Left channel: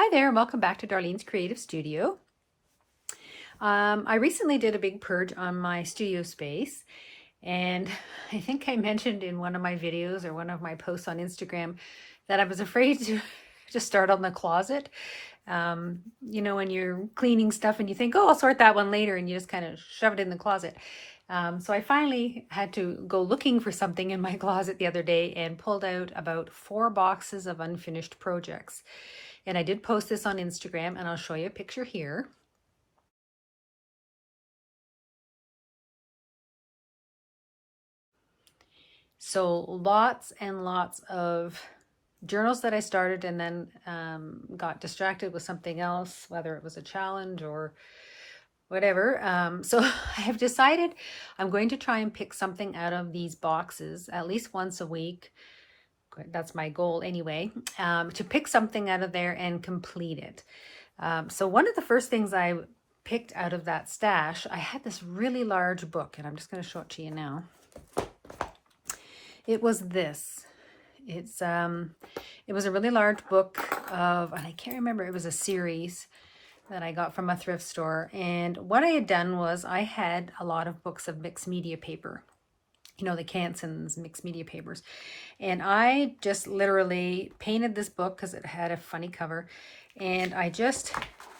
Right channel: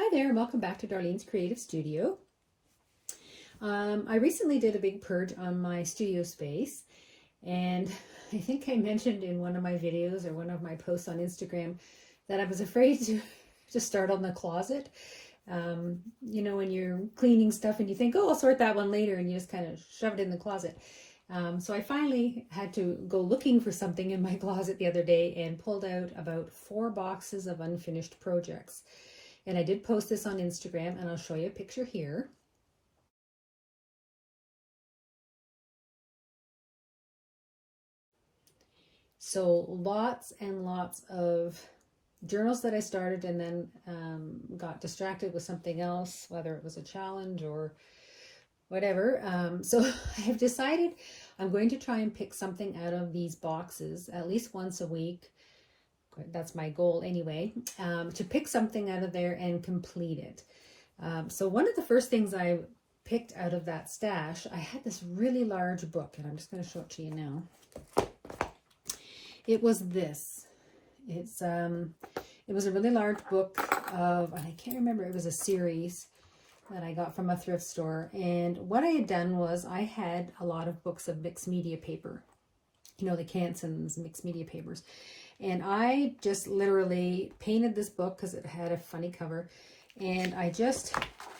Hi there, and welcome back to Darlene's Creative Studio. I recently did a big purge on my studio space, and I think I mentioned in one of my videos or one of my posts on Instagram that I was afraid to start on the closet. When you're cleaning stuff and you think, oh, I'll sort that one later, and you just kind of shove it in the closet. So I finally had to go looking for something in my closet the other day and pulled out about 4 boxes of unfinished projects. And I did post this on Instagram, and I'll show you a picture here. So lots and lots of journals that I started and then got distracted with something else, whether it was a challenge or whatever. So I have decided I'm going to try and pick something out of these boxes at least once a week. That's my goal anyway, to pick something out of there and complete it. So one of the first things I picked out of that stash, I had this really large book, and I'm just going to show it to you now. It was this. It was a really large book of, and I can't remember, it was a series that I got from a thrift store. And what I had done was I had a lot of books of mixed media paper, the Canson's mixed media papers. And I just literally painted this book because it had a funny cover. And I just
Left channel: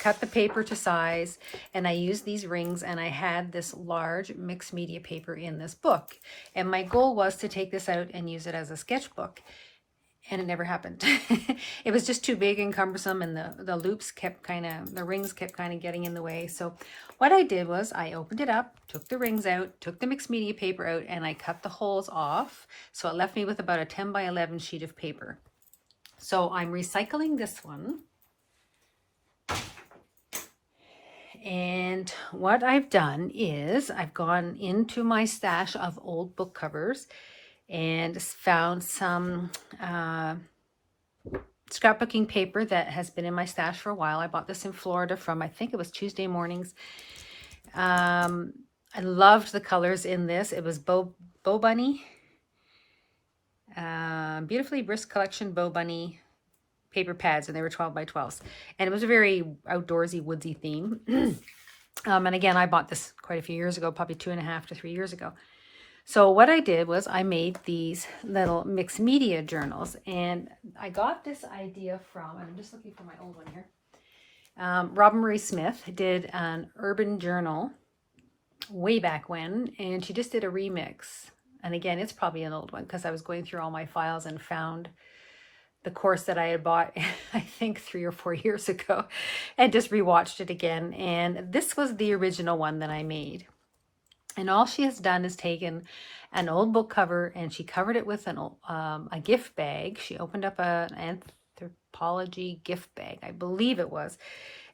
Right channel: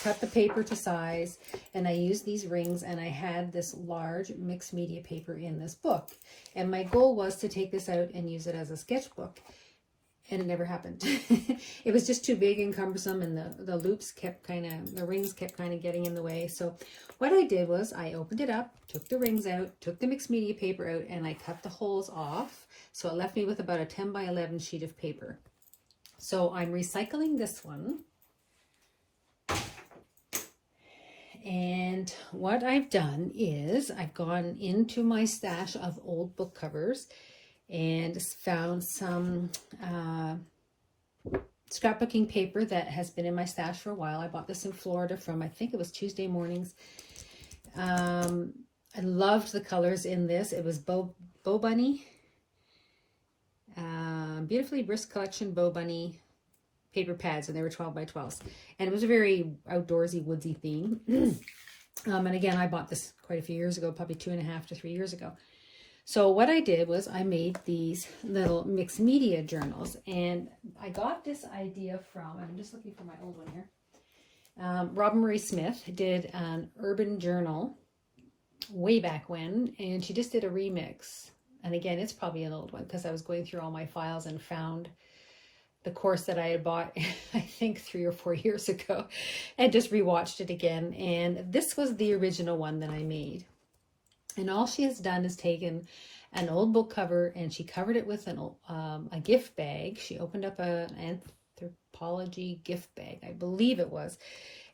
cut the paper to size, and I used these rings, and I had this large mixed media paper in this book. And my goal was to take this out and use it as a sketchbook. And it never happened. It was just too big and cumbersome, and the loops kept the rings kept kind of getting in the way. So what I did was I opened it up, took the rings out, took the mixed media paper out, and I cut the holes off. So it left me with about a 10 by 11 sheet of paper. So I'm recycling this one. And what I've done is I've gone into my stash of old book covers and found some scrapbooking paper that has been in my stash for a while. I bought this in Florida from, I think it was Tuesday Mornings. I loved the colors in this. It was Bow Bunny. Beautifully Brisk Collection Bow Bunny paper pads, and they were 12 by 12s. And it was a very outdoorsy, woodsy theme. And again, I bought this quite a few years ago, probably 2.5 to 3 years ago. So what I did was I made these little mixed media journals, and I got this idea from, and I'm just looking for my old one here. Robin Marie Smith did an urban journal way back when, and she just did a remix. And again, it's probably an old one because I was going through all my files and found the course that I had bought, I think 3 or 4 years ago, and just rewatched it again. And this was the original one that I made. And all she has done is taken an old book cover, and she covered it with a gift bag. She opened up an anthropology gift bag, I believe it was,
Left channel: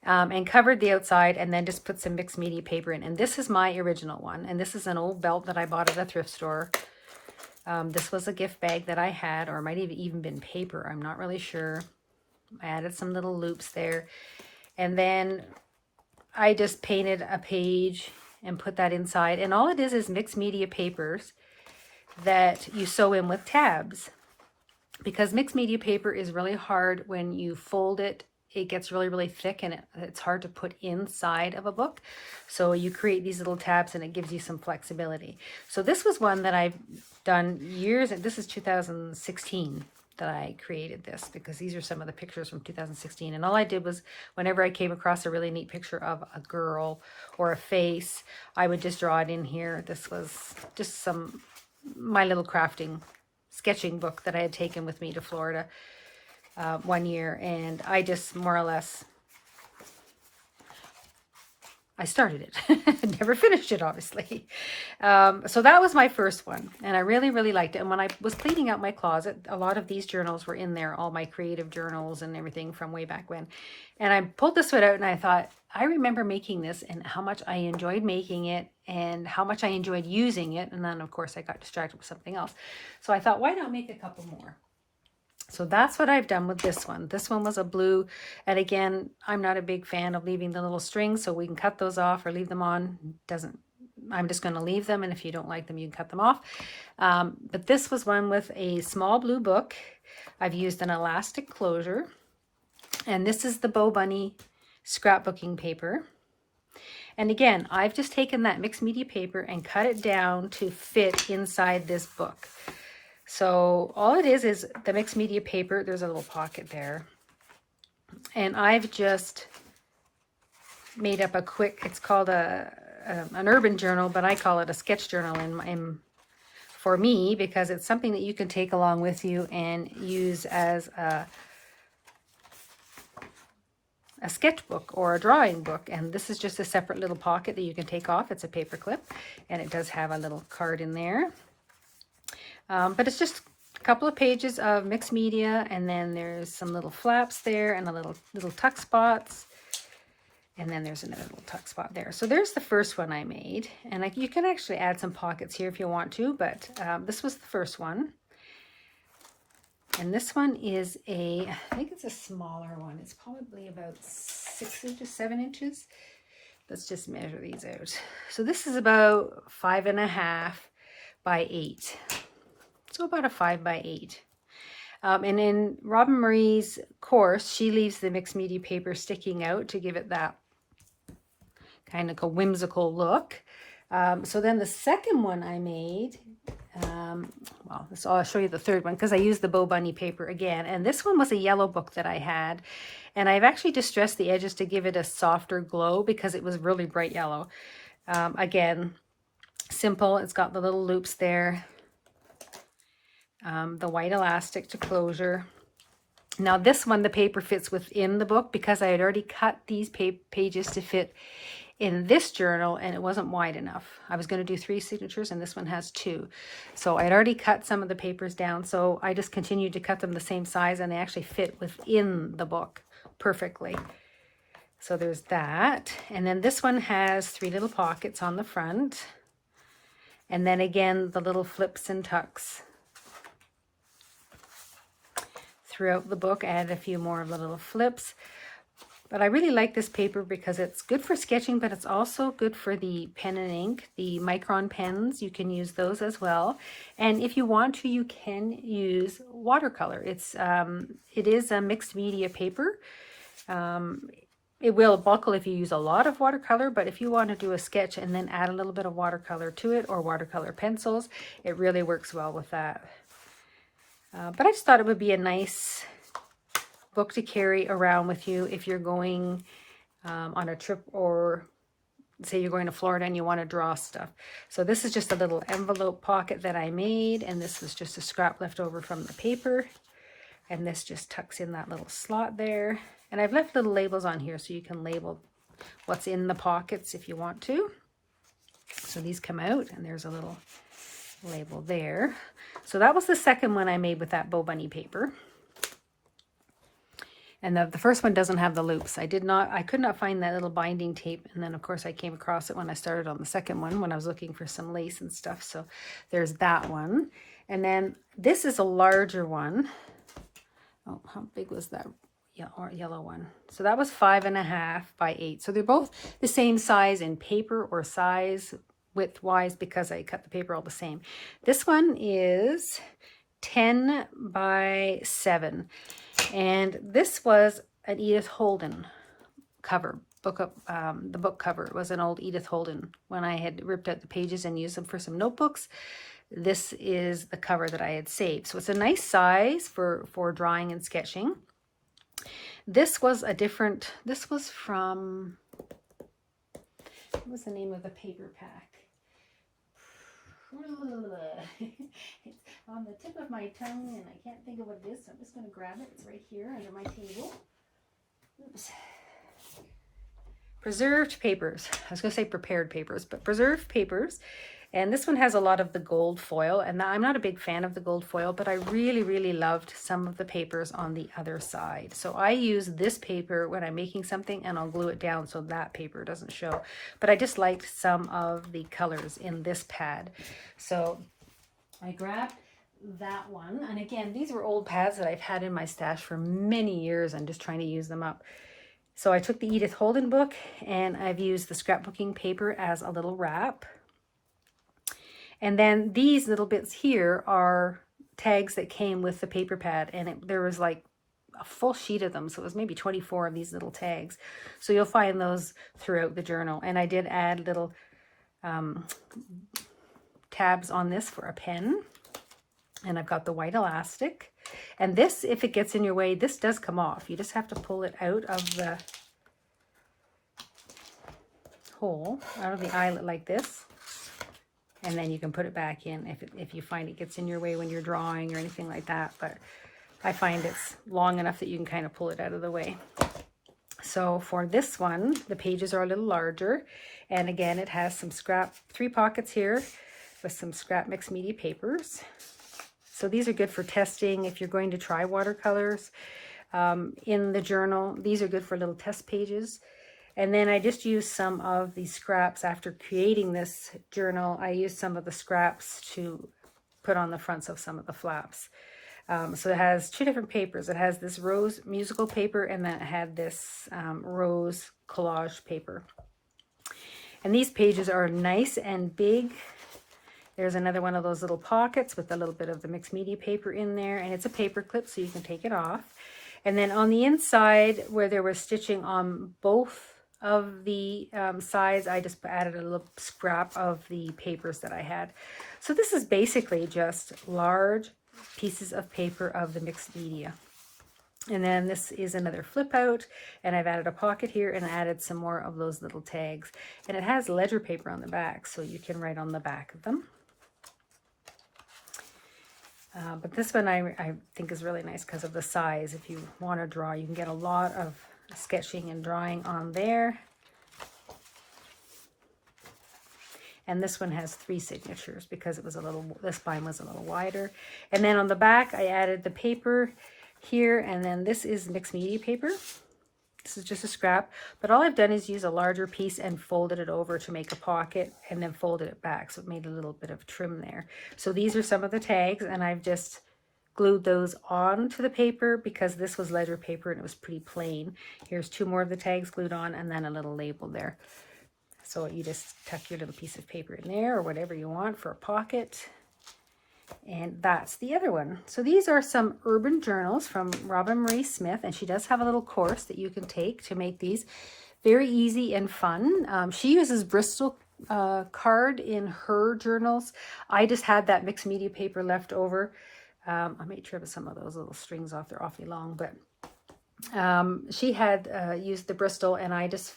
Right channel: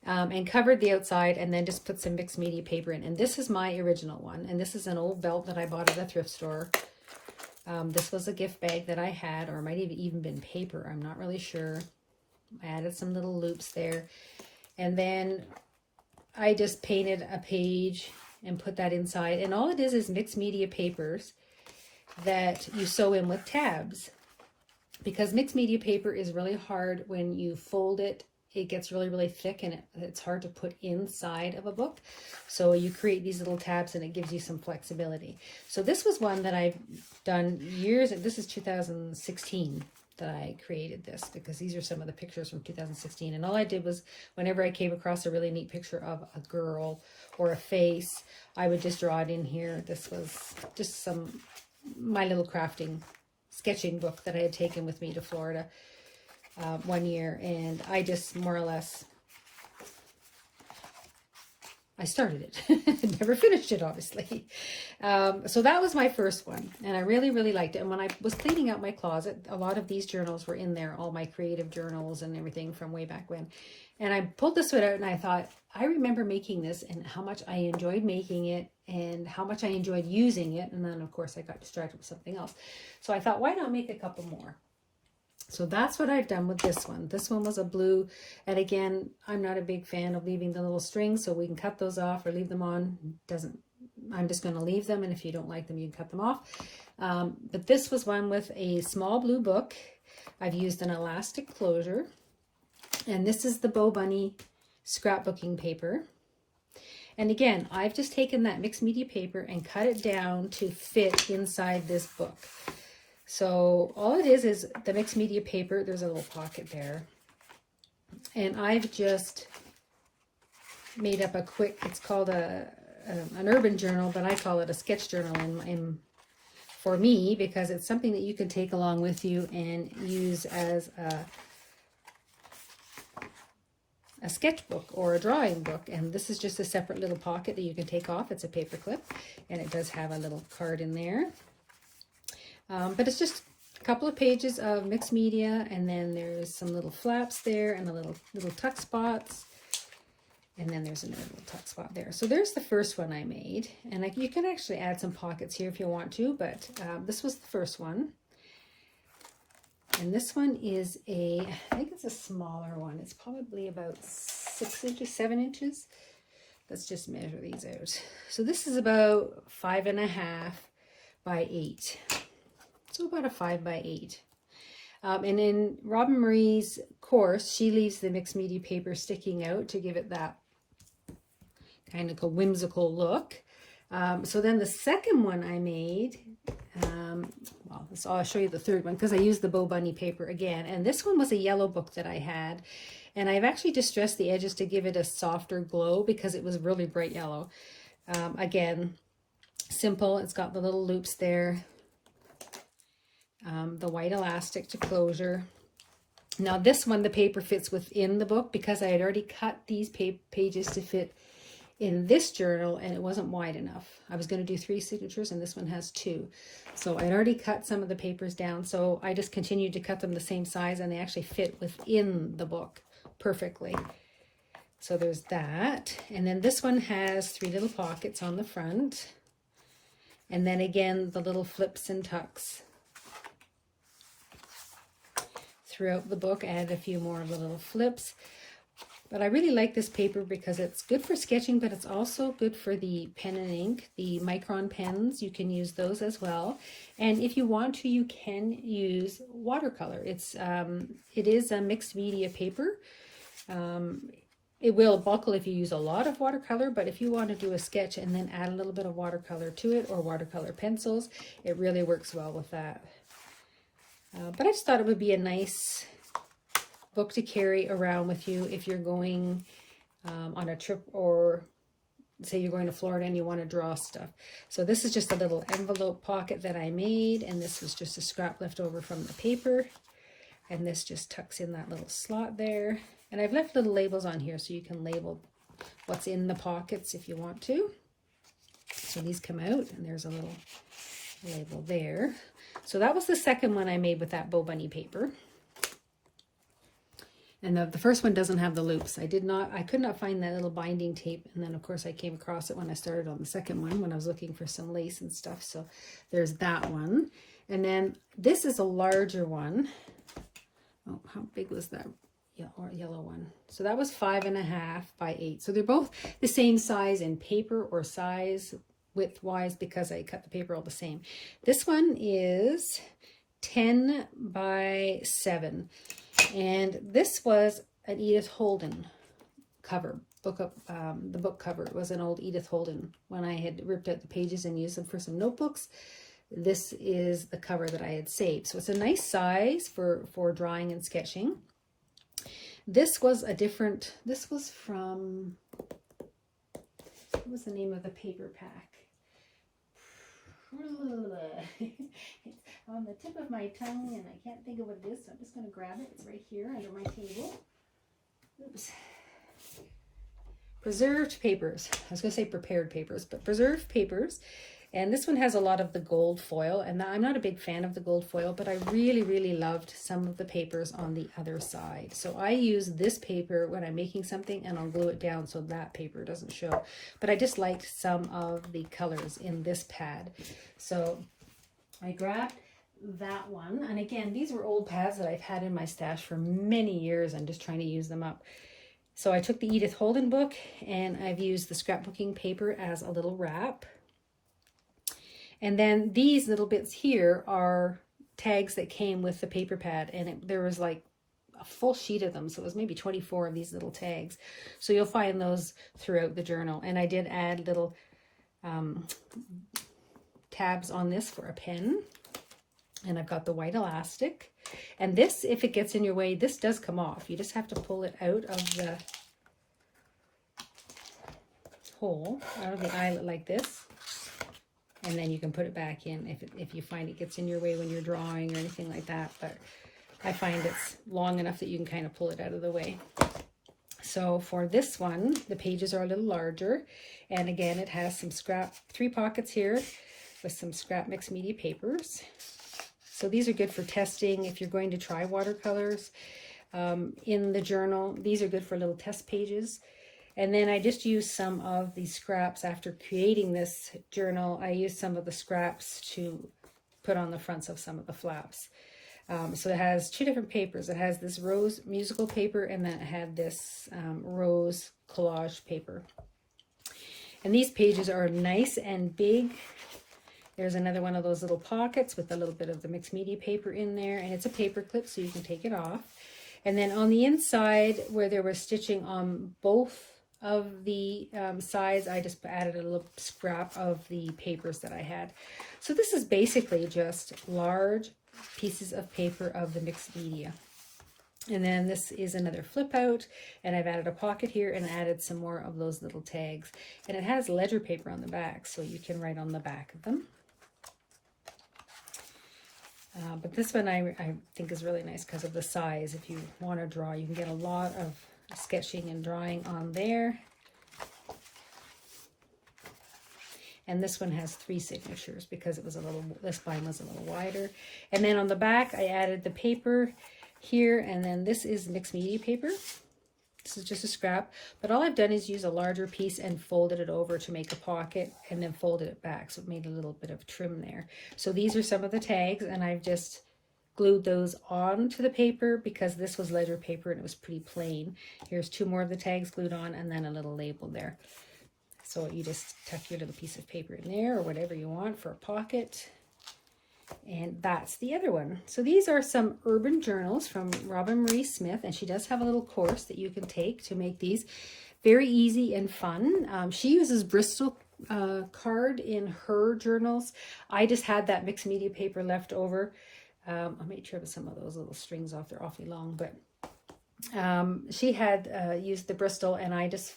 and covered the outside, and then just put some mixed media paper in. And this is my original one. And this is an old belt that I bought at a thrift store. This was a gift bag that I had, or it might have even been paper. I'm not really sure. I added some little loops there. And then I just painted a page and put that inside. And all it is mixed media papers that you sew in with tabs. Because mixed media paper is really hard when you fold it. It gets really, really thick, and it's hard to put inside of a book. So you create these little tabs, and it gives you some flexibility. So this was one that I've done years, and this is 2016 that I created this, because these are some of the pictures from 2016. And all I did was, whenever I came across a really neat picture of a girl or a face, I would just draw it in here. This was just my little crafting sketching book that I had taken with me to Florida one year, and I just more or less, I started it. Never finished it, obviously. So that was my first one, and I really, really liked it. And when I was cleaning out my closet, a lot of these journals were in there, all my creative journals and everything from way back when. And I pulled this one out, and I thought, I remember making this and how much I enjoyed making it and how much I enjoyed using it. And then, of course, I got distracted with something else. So I thought, why not make a couple more? So that's what I've done with this one. This one was a blue. And again, I'm not a big fan of leaving the little strings, so we can cut those off or leave them on. I'm just going to leave them. And if you don't like them, you can cut them off. But this was one with a small blue book. I've used an elastic closure. And this is the Bo Bunny scrapbooking paper. And again, I've just taken that mixed media paper and cut it down to fit inside this book. So all it is the mixed media paper. There's a little pocket there. And I've just made up a quick, it's called an urban journal, but I call it a sketch journal for me, because it's something that you can take along with you and use as a sketchbook or a drawing book. And this is just a separate little pocket that you can take off. It's a paper clip, and it does have a little card in there. But it's just a couple of pages of mixed media, and then there's some little flaps there and a little tuck spots. And then there's another little tuck spot there. So there's the first one I made. And you can actually add some pockets here if you want to, but this was the first one. And this one is I think it's a smaller one. It's probably about 6 inches, 7 inches. Let's just measure these out. So this is about 5.5 by 8. So about a 5 by 8. And in Robin Marie's course, she leaves the mixed media paper sticking out to give it that kind of a whimsical look. So then the second one I made, well, I'll show you the third one because I used the Bo Bunny paper again. And this one was a yellow book that I had. And I've actually distressed the edges to give it a softer glow because it was really bright yellow. Again, simple. It's got the little loops there. The white elastic to closure. Now this one, the paper fits within the book because I had already cut these pages to fit in this journal, and it wasn't wide enough. I was going to do 3 signatures, and this one has 2. So I'd already cut some of the papers down, so I just continued to cut them the same size, and they actually fit within the book perfectly. So there's that. And then this one has 3 little pockets on the front. And then again, the little flips and tucks throughout the book. I added a few more of the little flips. But I really like this paper because it's good for sketching, but it's also good for the pen and ink, the micron pens. You can use those as well. And if you want to, you can use watercolor. It is a mixed media paper. It will buckle if you use a lot of watercolor, but if you want to do a sketch and then add a little bit of watercolor to it, or watercolor pencils, it really works well with that. But I just thought it would be a nice book to carry around with you if you're going on a trip, or say you're going to Florida and you want to draw stuff. So this is just a little envelope pocket that I made, and this was just a scrap left over from the paper. And this just tucks in that little slot there. And I've left little labels on here so you can label what's in the pockets if you want to. So these come out, and there's a little label there. So that was the second one I made with that Bo Bunny paper. And the first one doesn't have the loops. I could not find that little binding tape. And then of course I came across it when I started on the second one when I was looking for some lace and stuff. So there's that one. And then this is a larger one. Oh, how big was that yellow one? So that was 5.5 by 8. So they're both the same size in paper, or size width wise, because I cut the paper all the same. This one is 10 by 7. And this was an Edith Holden cover, the book cover. It was an old Edith Holden when I had ripped out the pages and used them for some notebooks. This is the cover that I had saved. So it's a nice size for drawing and sketching. This was this was from, what was the name of the paper pack? It's on the tip of my tongue and I can't think of what it is, so I'm just going to grab it. It's right here under my table. Oops. Preserved papers. I was going to say prepared papers, but preserved papers. And this one has a lot of the gold foil, and I'm not a big fan of the gold foil, but I really, really loved some of the papers on the other side. So I use this paper when I'm making something, and I'll glue it down so that paper doesn't show. But I just liked some of the colors in this pad. So I grabbed that one. And again, these were old pads that I've had in my stash for many years. I'm just trying to use them up. So I took the Edith Holden book, and I've used the scrapbooking paper as a little wrap. And then these little bits here are tags that came with the paper pad, and there was like a full sheet of them. So it was maybe 24 of these little tags. So you'll find those throughout the journal. And I did add little tabs on this for a pen. And I've got the white elastic. And this, if it gets in your way, this does come off. You just have to pull it out of the hole, out of the eyelet like this. And then you can put it back in if you find it gets in your way when you're drawing or anything like that. But I find it's long enough that you can kind of pull it out of the way. So for this one, the pages are a little larger. And again, it has some scrap, 3 pockets here with some scrap mixed media papers. So these are good for testing if you're going to try watercolors in the journal. These are good for little test pages. And then I just used some of these scraps after creating this journal. I used some of the scraps to put on the fronts of some of the flaps. So it has 2 different papers. It has this rose musical paper, and then it had this rose collage paper. And these pages are nice and big. There's another one of those little pockets with a little bit of the mixed media paper in there, and it's a paper clip so you can take it off. And then on the inside where there was stitching on both of the sides, I just added a little scrap of the papers that I had. So this is basically just large pieces of paper of the mixed media. And then this is another flip out, and I've added a pocket here and added some more of those little tags. And it has ledger paper on the back, so you can write on the back of them. But this one I think is really nice because of the size. If you want to draw, you can get a lot of sketching and drawing on there. And this one has 3 signatures because it was a little, this spine was a little wider. And then on the back, I added the paper here, and then this is mixed media paper. This is just a scrap, but all I've done is use a larger piece and folded it over to make a pocket, and then folded it back, so it made a little bit of trim there. So these are some of the tags, and I've just glued those onto the paper because this was ledger paper and it was pretty plain. Here's 2 more of the tags glued on, and then a little label there. So you just tuck your little piece of paper in there or whatever you want for a pocket. And that's the other one. So these are some urban journals from Roben Marie Smith, and she does have a little course that you can take to make these very easy and fun. She uses Bristol card in her journals. I just had that mixed media paper left over. I may trim some of those little strings off. They're awfully long, but she had used the Bristol, and I just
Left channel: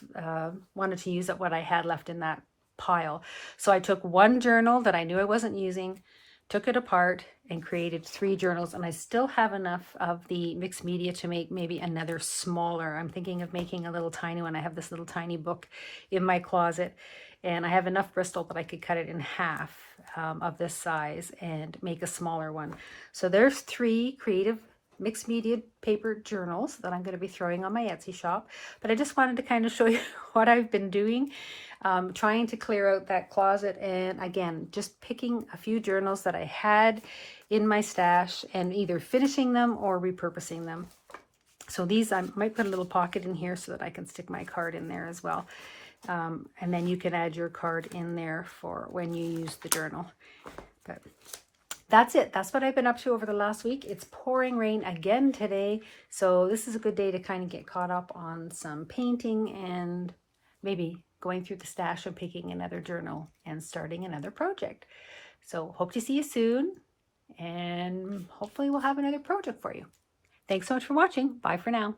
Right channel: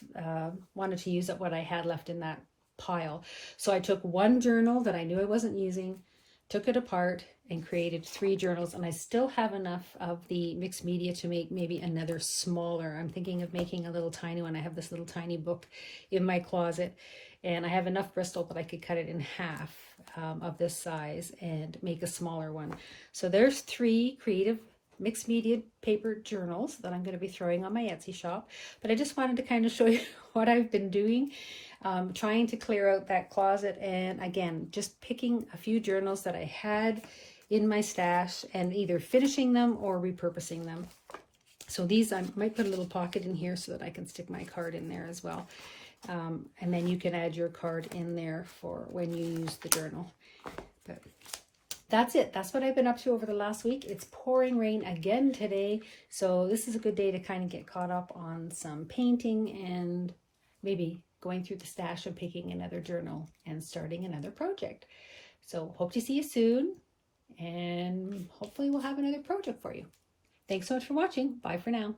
wanted to use up what I had left in that pile. So I took one journal that I knew I wasn't using, took it apart, and created 3 journals, and I still have enough of the mixed media to make maybe another smaller. I'm thinking of making a little tiny one. I have this little tiny book in my closet, and I have enough Bristol, but I could cut it in half of this size and make a smaller one. So there's 3 creative mixed media paper journals that I'm going to be throwing on my Etsy shop. But I just wanted to kind of show you what I've been doing, trying to clear out that closet, and again, just picking a few journals that I had in my stash and either finishing them or repurposing them. So these, I might put a little pocket in here so that I can stick my card in there as well. And then you can add your card in there for when you use the journal. But that's it. That's what I've been up to over the last week. It's pouring rain again today, so this is a good day to kind of get caught up on some painting and maybe going through the stash and picking another journal and starting another project. So hope to see you soon, and hopefully we'll have another project for you. Thanks so much for watching. Bye for now.